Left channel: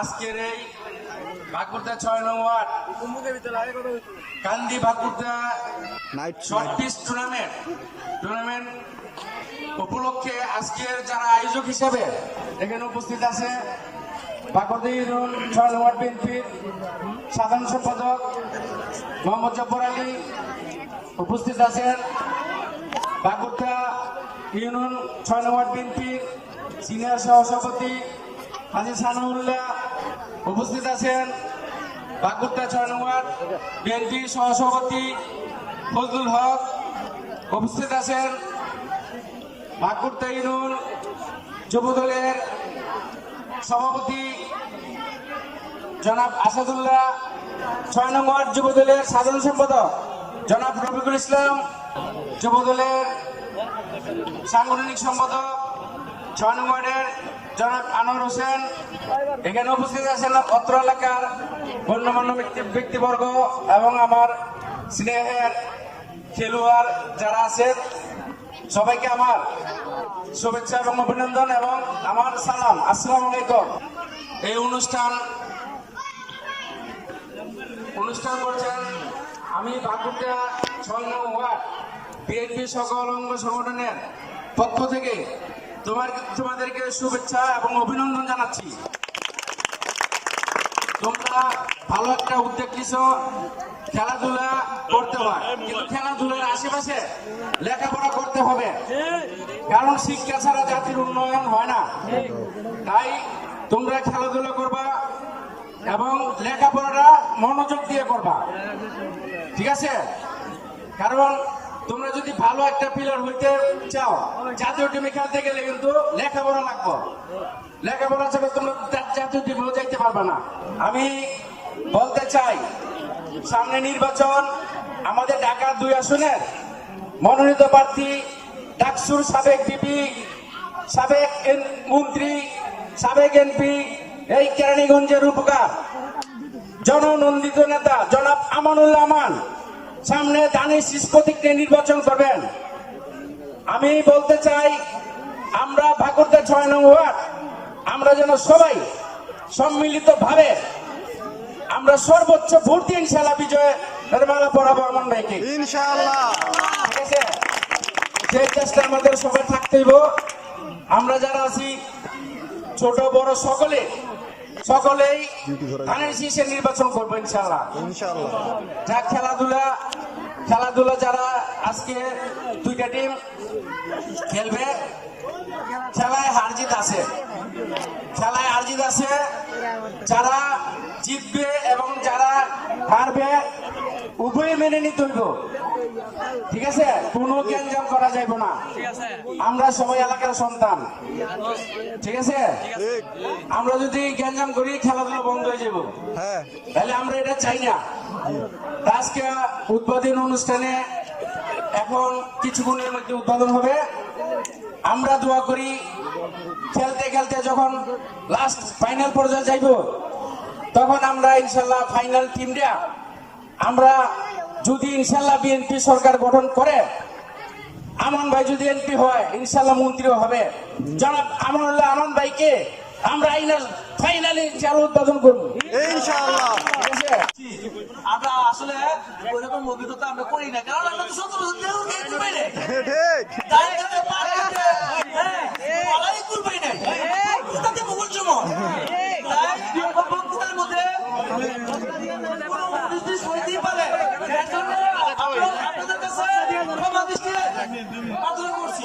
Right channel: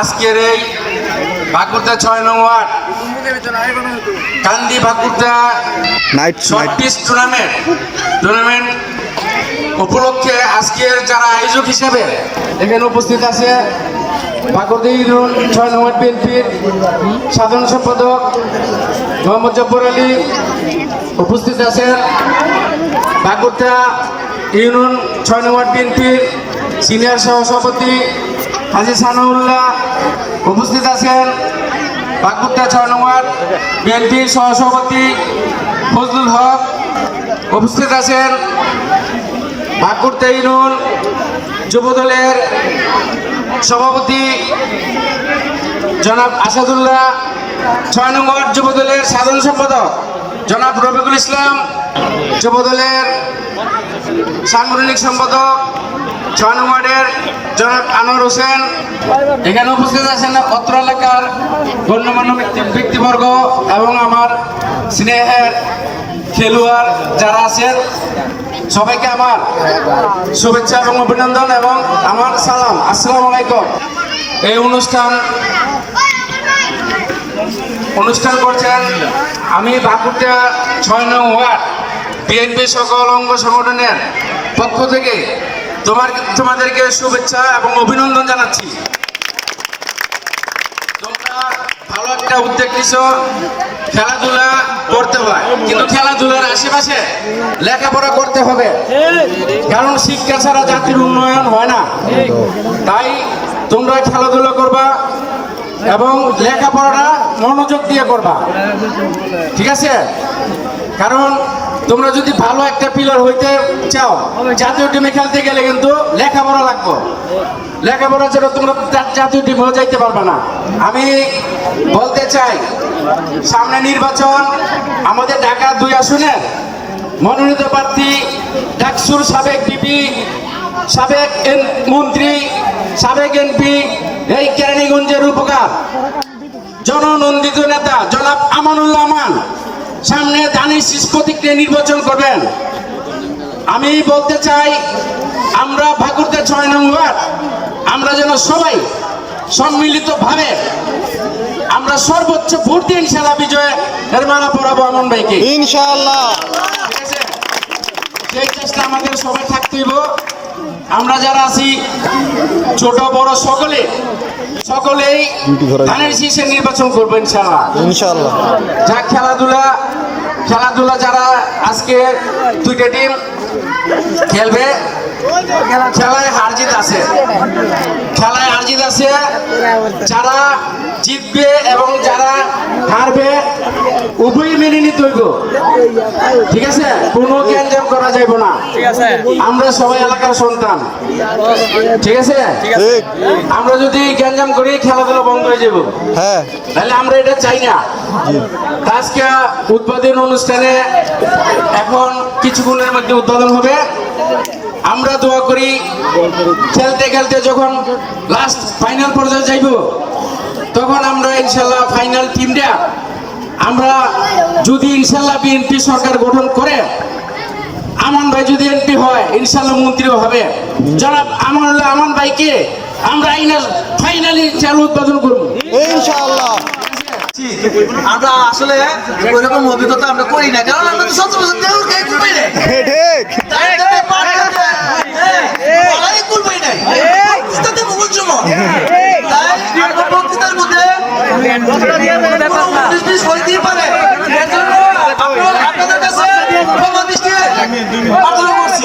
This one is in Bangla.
আজকের এই ভাকুরতা 6 নং ওয়ার্ড কান্দি ভাকুরতা শর্ট পিচ টুর্নামেন্ট উপলক্ষে আজকের যারা আয়োজক হিসেবে এখানে উপস্থিত আছে ভাকুরতা ইউনিয়ন 6 নং ওয়ার্ড বিএনপির সাধারণ সম্পাদক মোহাম্মদ জব্বর আলী, উপস্থিত আছেন ভাকুরতা ইউনিয়ন 6 নং ওয়ার্ড বিএনপির সিনিয়র সহসভাপতি হাজী সানাউল্লাহ, উপস্থিত আছেন ভাকুরতা 6 নং ওয়ার্ড বিএনপির সহসভাপতি ফজলুল হক, উপস্থিত আছেন ভাকুরতা ইউনিয়ন যুবদলের সভাপতি জনাব আসাদুল্লাহ, 6 নং ওয়ার্ড যুবদলের সাধারণ সম্পাদক জনাব রফিকুল ইসলাম, যুবদলের সাংগঠনিক সম্পাদক 6 নং ওয়ার্ডের জনাব আনোয়ার হোসেন। এখানে উপস্থিত আছেন অত্র এলাকার গণ্যমান্য ব্যক্তিবর্গ এবং আমার স্নেহের খেলোয়াড় যারা আছেন, সবাইকে আমার শুভেচ্ছা এবং অভিনন্দন এবং আমার সালাম, আসসালামু আলাইকুম। এই অনুষ্ঠান করছেন আমি ভাকুরতা 6 নং ওয়ার্ড বিএনপি সকল অঙ্গ সংগঠনের পক্ষ থেকে তোমাদেরকে শুভেচ্ছা এবং অভিনন্দন জানাচ্ছি। তোমরা ভালো একটা উদ্যোগ নিছো, খেলাধুলা করতে হয়, কিন্তু খেলাধুলার আশেপাশে লেখাপড়া করতে হবে, কারণ শিক্ষা ছাড়া জাতির উন্নয়ন হয় না। তাই তোমরা খেলাধুলা করবা এবং লেখাপড়াটা মনোযোগ দিয়ে করবা, ঠিক আছে? কারণ তোমরা যদি ভালো একটা প্লেয়ার হইতে চাও, জাতীয় টিমে খেলতে গেলে কিন্তু লেখাপড়া লাগবে। লেখাপড়া ছাড়া তোমরা জাতীয় টিমেও যাইতে পারবে না। আমি বলতে চাই, সামনে নির্বাচন, আমাদের ঢাকা 2 আসনের মনোনীত প্রার্থী ডাকসুর সাবেক বিপি, সাবেক মন্ত্রী, সাবেক এমপি, এই কেরানীগঞ্জের উপকার জননন্দিত নেতা জনাব আমানুল্লাহ আমান সামনে দানের শীষ প্রতীক নিয়ে নির্বাচন করবেন। আমি বলতে চাই, আমরা ভাকুরতা 6 নং ওয়ার্ড আমরা যেন সবাই সম্মিলিতভাবে আমরা সর্বোচ্চ ভোট দিয়ে ইনশাআল্লাহ বিজয়ের মালা পরাবো আমন ভাইকে, ইনশাআল্লাহ। ঠিক আছে, সেই চেষ্টা আমাদের সবাই থাকতেই। আমরা যারা আছি ছোট বড় সকলেই ধানের শীষে নির্বাচন করবো ইনশাআল্লাহ। যা খেলাধুলা যারা আজকে 2টা টিম খেলবে, খেলায় হার জিত আছে, যারা জিতবে এবং যারা হারবে উভয়ই মেনে নিতে হইব, ঠিক আছে? কোনো গ্যাঞ্জাম করা যাইব না। আমরা সবাই এলাকার সন্তান, ঠিক আছে? আমরা যদি গ্যাঞ্জাম করি খেলাধুলা বন্ধ হয়ে যাব, তাহলে আমরা এটা চাই না। আজকে উদ্বোধন অনুষ্ঠানে এখন কিছুক্ষণের মধ্যে উদ্বোধন হবে। আমরা দোয়া করি খেলতে খেলতে যখন লাস্ট ফাইনাল পর্যায়ে যাইব, তখন আমরা ইনশাল্লাহ ফাইনাল টিমটা আমরা যদি ইনশাল্লাহ বিএনপি সরকার গঠন করে, আমান ভাই যদি এমপি হয়, ইনশাল্লাহ মন্ত্রীও হবে, জনাব আমানুল্লাহ আমান ভাইকে আমরা ফাইনালি চালু উদ্বোধন করবো ইনশাআল্লাহ। আমরা আসলে ওইরকম অভিজ্ঞতা আমরা করি না, কারণ আমরা তো 70 বছর দেউর গায়ে কুলবাই নাই, বক্তৃতাতে বহুল সময়, তাই আমরা বক্তৃতার মধ্যে হইতেই পারে, এর জন্য আপনাদের কাছে ক্ষমা দৃষ্টি প্রার্থনা করছি।